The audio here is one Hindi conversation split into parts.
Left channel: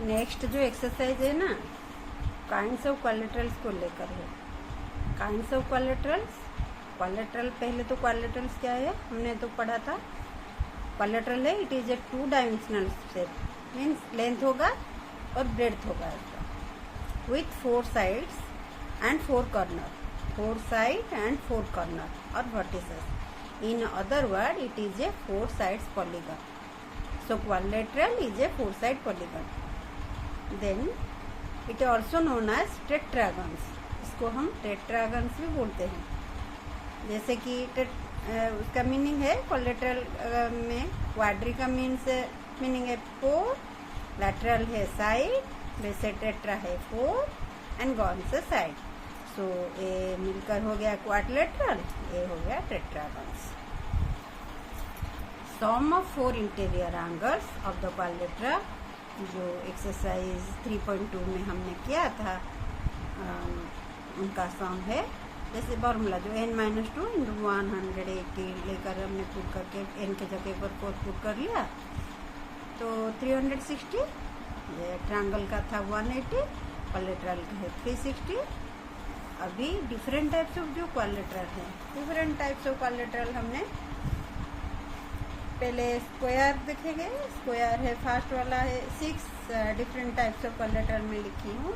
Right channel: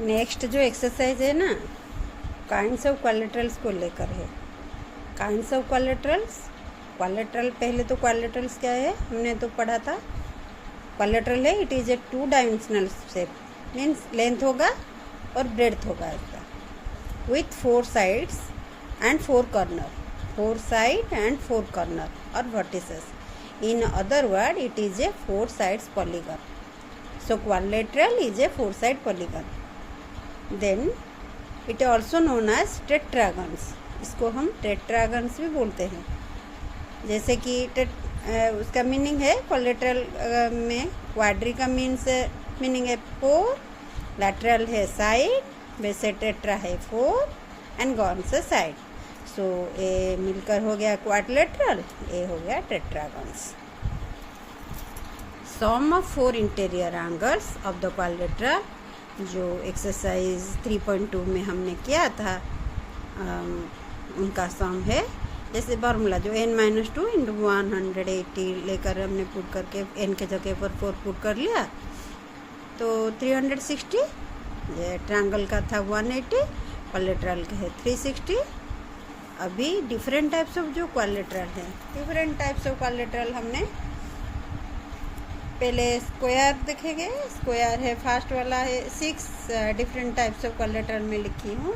नेक्स्ट जो एक्सरसाइज है ना, काइंड्स ऑफ कोलेटरल्स को लेकर है। काइंड्स ऑफ कोलेटरल्स, कोलेटरल पहले तो कोलेटरल्स क्या है हमने तो पढ़ा था। कोलेटरल है, it is a 2 dimensional shape, means length होगा और ब्रेड्थ होगा इसका, with 4 sides and 4 corner, 4 side and 4 corner और vertices. In other word it is a 4 sides polygon. So quadrilateral is a 4 side polygon. Then it also known as tetragons. इसको हम टेट्रागन्स भी बोलते हैं। जैसे कि उसका मीनिंग है कोलेटरल में क्वाड्री का मीनिंग है 4, लैटरल है साइड, वैसे टेट्रा है 4 एंड गॉन से साइड। सो ए मिलकर हो गया क्वाड्रिलेटरल, ए हो गया tetragons. Sum of 4 interior angles of the quadrilateral, जो एक्सरसाइज 3.2 में हमने किया था, उनका सम है जैसे फॉर्मूला जो n-2 इंटू 180 लेकर हमने पुट करके n के जगह पर 4 पुट कर लिया तो 360। ये ट्रायंगल का था 180, कोलेटरल का है 360। अभी डिफरेंट टाइप्स ऑफ जो कोलेटरल है, डिफरेंट टाइप्स ऑफ कोलेटरल हमने पहले स्क्वायर देखेंगे। स्क्वायर है फर्स्ट वाला है 6 डिफरेंट टाइप्स ऑफ कोलेटरल में लिखी हूँ,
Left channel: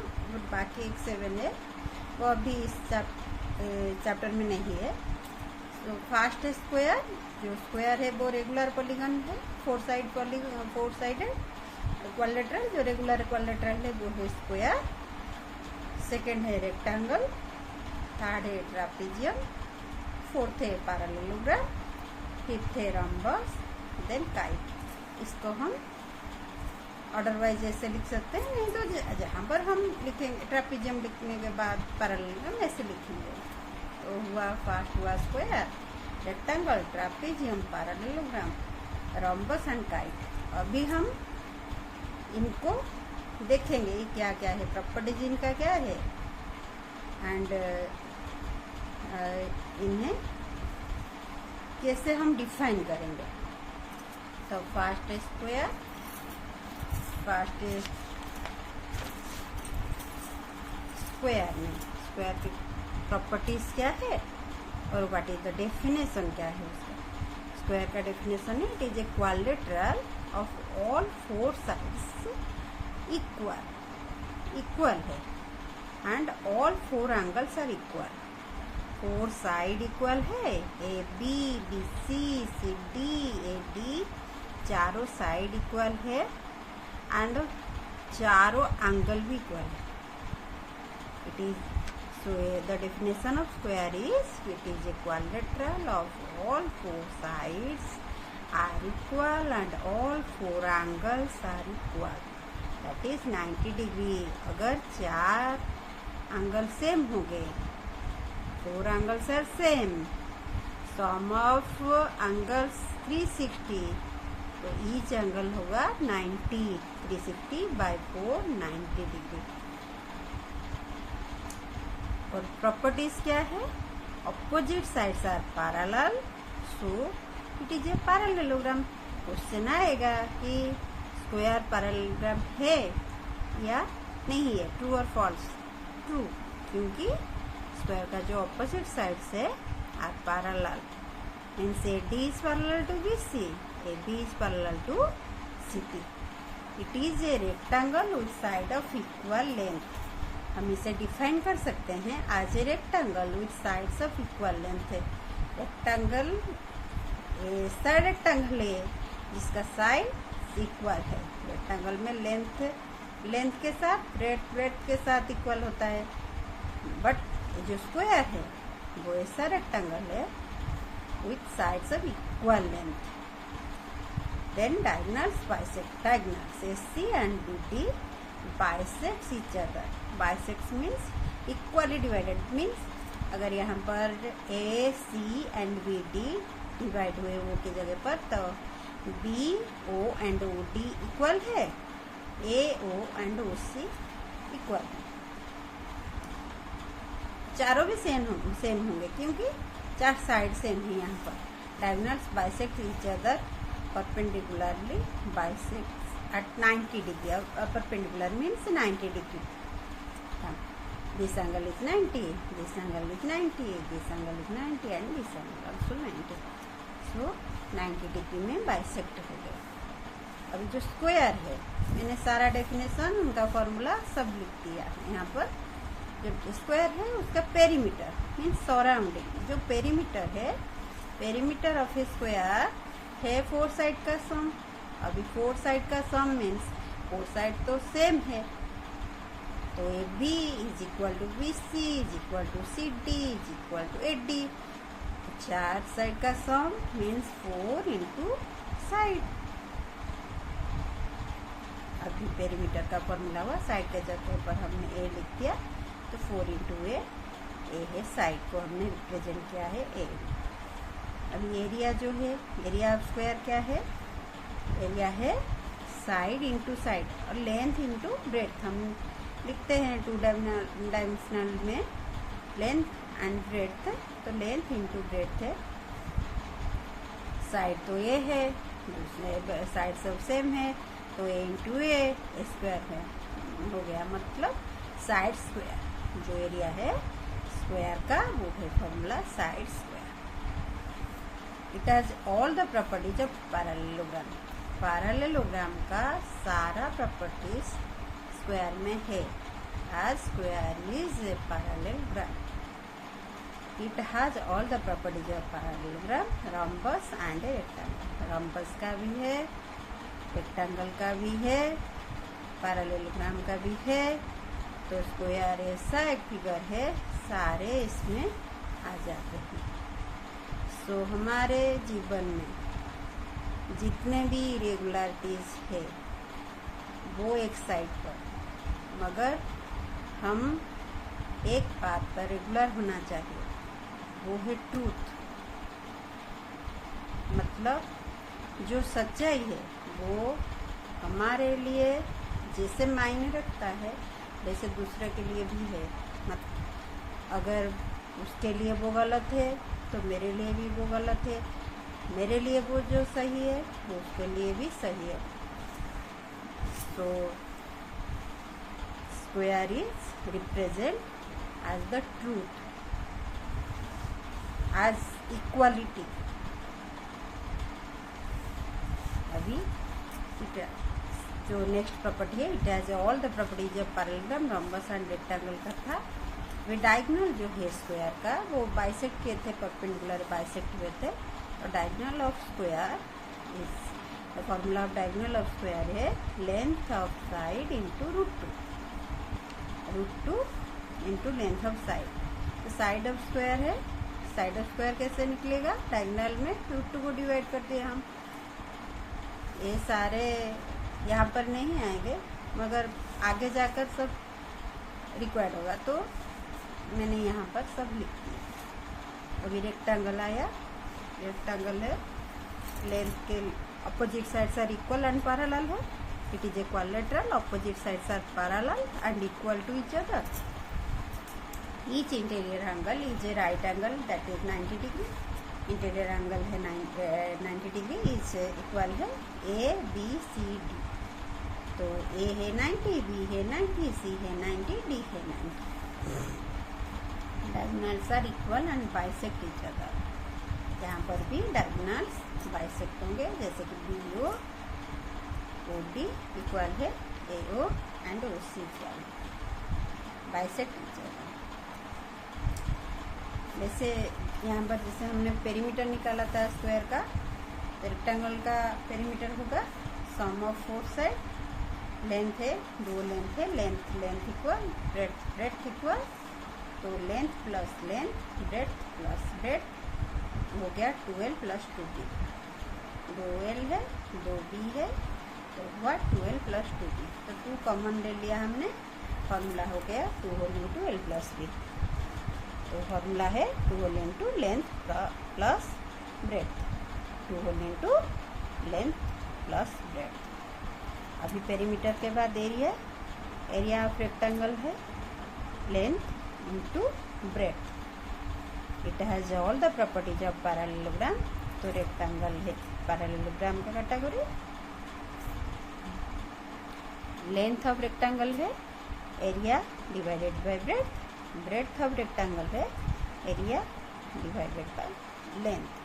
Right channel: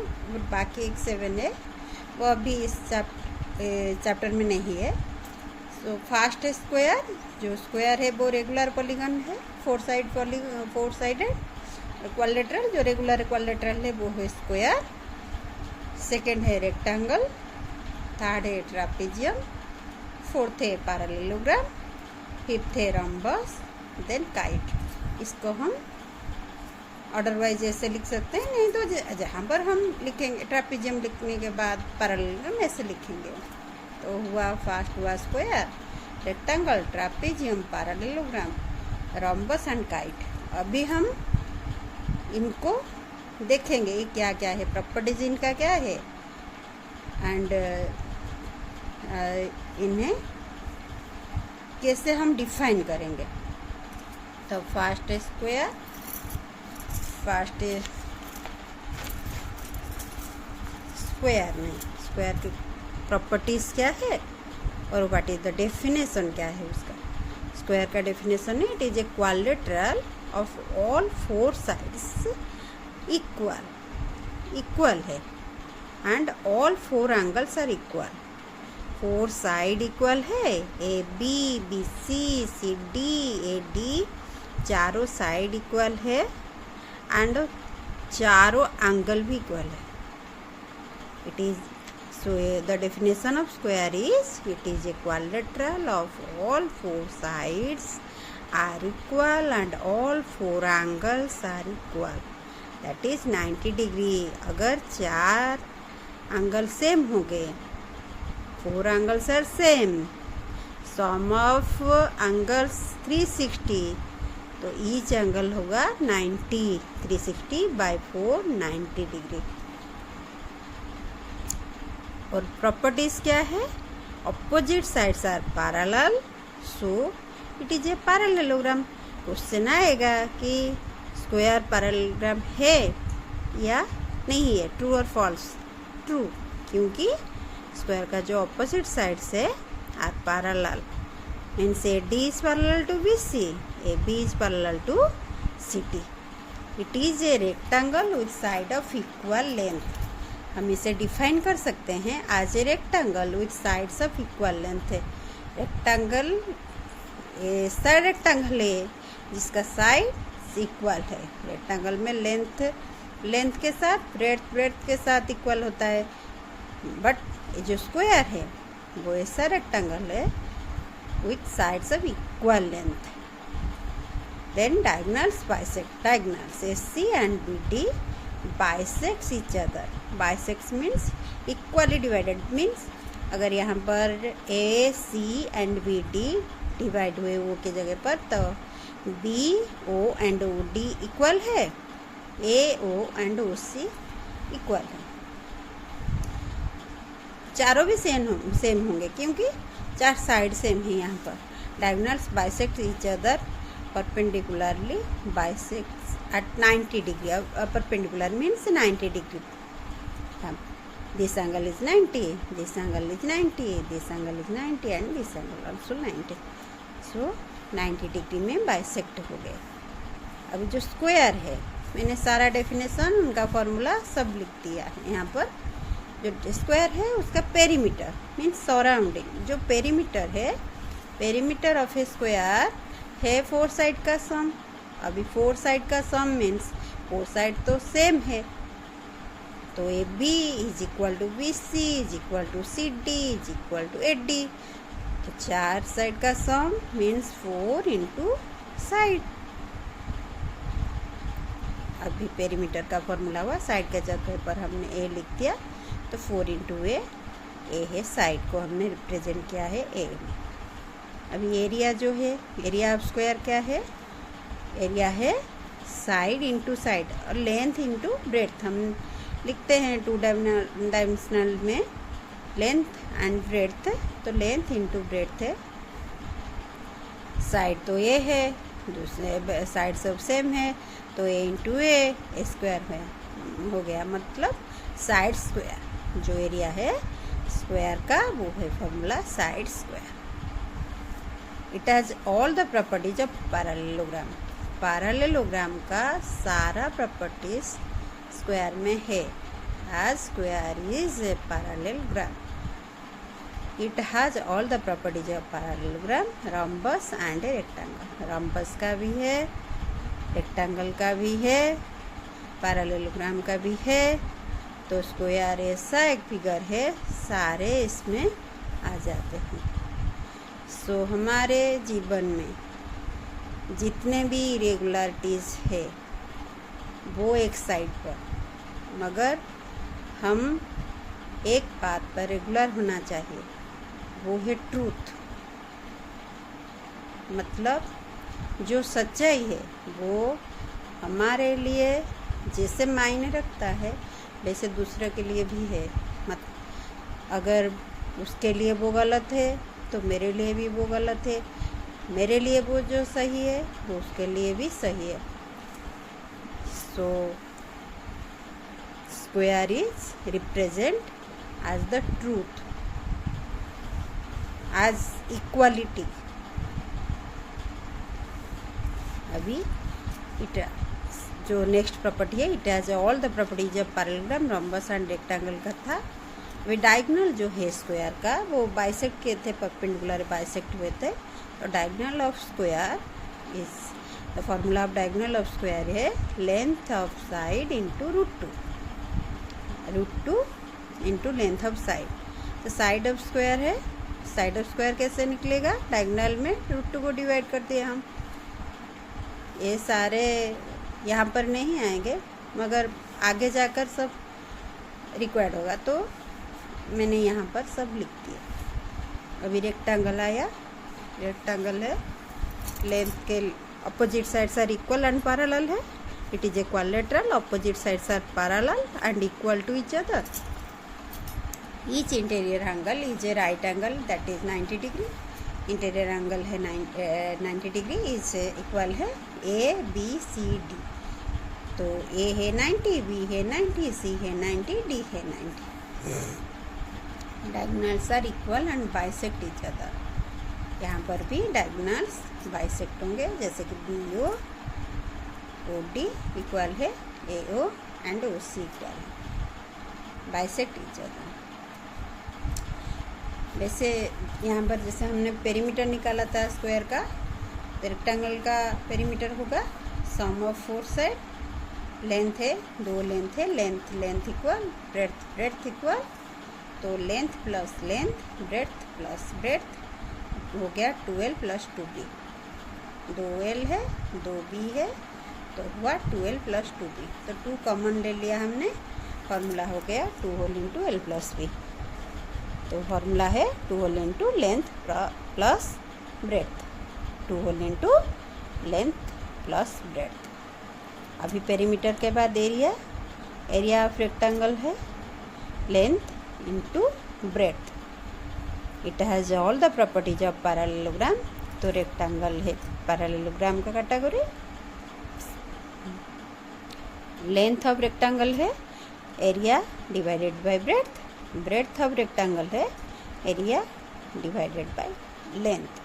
बाकी एक 7 है, वो अभी इस चैप्टर में नहीं है। तो फर्स्ट है स्क्वायर, जो स्क्वायर है वो रेगुलर पॉलीगन है, 4 साइडेड कोलेटरल, जो रेगुलर कोलेटरल है वो है स्क्वायर। सेकेंड है रेक्टेंगल, थर्ड है ट्रापेजियम, फोर्थ है पैरेललोग्राम, फिफ्थ है रम्बस, देन काइट। इसको हम ऑर्डर वाइज ऐसे लिख सकते हैं, नहीं तो जहाँ पर हम लिखेंगे ट्रापेजियम लिखने के बाद पैरेललोग्राम ऐसे लिखेंगे। तो हुआ फर्स्ट हुआ square, rectangle, trapezium, parallelogram, rhombus and kite. अभी हम इनको देखेंगे क्या क्या है, प्रॉपर्टीज इनका क्या है, एंड इन्हें कैसे हम डिफाइन करेंगे। तो फर्स्ट स्क्वायर, फर्स्ट स्क्वायर में स्क्वायर की प्रॉपर्टीज क्या है और व्हाट इज द डेफिनेशन क्या है उसका। स्क्वायर का डेफिनेशन है, it is a quadrilateral of all 4 sides equal है and all 4 angles are equal. 4 side equal है, A B, B C, C D, A D, चारों साइड इक्वल है एंड चारों एंगल भी इक्वल है। It is the definition of square is it is a quadrilateral of all 4 sides are equal and all 4 angles are equal, that is 90 degree। अगर 4 एंगल सेम हो गए, 4 angles are same, sum of angles 360, तो ईच एंगल होगा 90, 360 बाई 4 90 डिग्री। और प्रॉपर्टीज क्या है, opposite sides are parallel, so it is a parallelogram. Question आएगा कि स्क्वायर पैरेललोग्राम है या नहीं है, ट्रू और फॉल्स। ट्रू, क्योंकि स्क्वायर का जो ऑपोजिट साइड्स है are parallel, means A D is parallel to B C, A B is parallel to C T. It is a rectangle with side of equal length. हम इसे डिफाइन कर सकते हैं as a rectangle with sides of equal length है। रेक्टेंगल ऐसा रेक्टेंगल है जिसका साइड इक्वल है। रेक्टेंगल में लेंथ के साथ ब्रेड्थ के साथ इक्वल होता है, बट जो स्क्वायर है वो ऐसा रेक्टेंगल है with sides of equal length. Then diagonals bisect, diagonals AC and BD bisects each other। bisects means equally divided, means अगर यहाँ पर AC and BD डिवाइड हुए वो की जगह पर, तो BO and OD इक्वल है, AO and OC इक्वल है। चारों भी सेम होंगे क्योंकि 4 साइड सेम है यहाँ पर। Diagonals bisect each other perpendicularly, bisects at 90 degree. Perpendicular means 90 degree. This angle is 90, this angle is 90, this angle is 90 and this angle also 90. So 90 degree में बाइसेक्ट हो गए. अभी जो स्क्वायर है मैंने सारा डेफिनेशन उनका फॉर्मूला सब लिख दिया है. यहाँ पर जो स्क्वायर है उसका पेरीमीटर मीन्स सराउंडिंग. जो पेरीमीटर है, पेरीमीटर ऑफ ए स्क्वायर है 4 साइड का सम. अभी 4 साइड का सम मीन्स 4 साइड तो सेम है, तो A B is equal to B C is equal to C D is equal to A D. तो 4 साइड का सम मीन्स 4 इंटू साइड. अभी पेरीमीटर का फॉर्मूला हुआ, साइड के जगह पर हमने ए लिख दिया तो 4 इंटू ए है, साइड को हमने रिप्रेजेंट किया है ए. अभी एरिया जो है, एरिया ऑफ स्क्वायर क्या है? एरिया है साइड इंटू साइड और लेंथ इंटू ब्रेड्थ. हम लिखते हैं 2 डायमेंशनल में लेंथ एंड ब्रेड्थ, तो लेंथ इंटू ब्रेड्थ है. साइड तो ये है, दूसरे साइड सब सेम है, तो ए इंटू ए स्क्वायर है हो गया, मतलब साइड स्क्वायर. जो एरिया है स्क्वायर का वो है formula side square. It has all the properties of parallelogram. Parallelogram का सारा प्रॉपर्टीज स्क्वायर में है. As square is a parallelogram. It has all the properties of parallelogram, rhombus and a rectangle. Rhombus का भी है, रेक्टेंगल का भी है, पैरेललोग्राम का भी है. तो स्क्वायर ऐसा एक फिगर है, सारे इसमें आ जाते हैं. सो हमारे जीवन में जितने भी इरेगुलरिटीज़ है वो एक साइड पर, मगर हम एक बात पर रेगुलर होना चाहिए, वो है ट्रूथ. मतलब जो सच्चाई है वो हमारे लिए जैसे मायने रखता है वैसे दूसरे के लिए भी है. अगर उसके लिए वो गलत है तो मेरे लिए भी वो गलत है, मेरे लिए वो जो सही है वो उसके लिए भी सही है. So square is represent as the truth, as equality. अभी इट जो नेक्स्ट प्रॉपर्टी है, it has all the properties of parallelogram, rhombus and rectangle का था. वे डायगोनल जो है स्क्वायर का वो बाइसेक्ट किए थे, परपेंडिकुलर बाइसेक्ट हुए थे. और diagonal of square is the formula of diagonal of square है length of side into root two into length of side. तो साइड ऑफ स्क्वायर है, साइड ऑफ स्क्वायर कैसे निकलेगा? डायगोनल में रूट 2 को डिवाइड करते हैं हम. ये सारे यहाँ पर नहीं आएंगे मगर आगे जाकर सब रिक्वायर्ड होगा, तो मैंने यहाँ पर सब लिख दिया. अभी रेक्टेंगल आया, रेक्टेंगल है, लेंथ के opposite sides are equal and parallel है. It is equilateral, opposite sides are parallel and equal to each other. Each interior angle is a right angle that is 90 degree. Interior angle है 90 डिग्री, इज इक्वल है ए बी सी डी. तो ए है 90, बी है 90, सी है 90, डी है 90. Diagonals are equal and bisect each other. यहाँ पर भी डायगोनल्स बाइसेक्ट होंगे, जैसे कि B O O D equal है A O and O C equal है, बाइसेक्ट ईच अदर. वैसे यहाँ पर जैसे हमने पेरीमीटर निकाला था स्क्वायर का, तो रेक्टेंगल का पेरीमीटर होगा सम ऑफ 4 साइड. लेंथ है, 2 लेंथ है, लेंथ इक्वल ब्रेड्थ इक्वल. तो length plus length, breadth plus breadth हो गया 12 प्लस 2b. 2l है, 2b है, तो हुआ 12 प्लस 2b. तो 2 कॉमन ले लिया हमने, फॉर्मूला हो गया 2 whole into l plus b. तो फॉर्मूला है 2 whole into length plus breadth, 2 whole into length plus breadth. अभी पेरीमीटर के बाद एरिया ऑफ रेक्टेंगल है length into breadth. It has all the properties of parallelogram. तो रेक्टेंगल है पैरेललोग्राम का कैटेगरी. लेंथ ऑफ रेक्टेंगल है area divided by breadth, breadth of rectangle है area divided by length,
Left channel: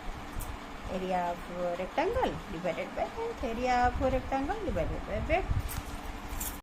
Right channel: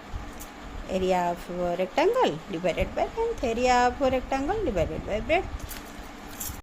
area of rectangle divided by length, area of rectangle divided by breadth.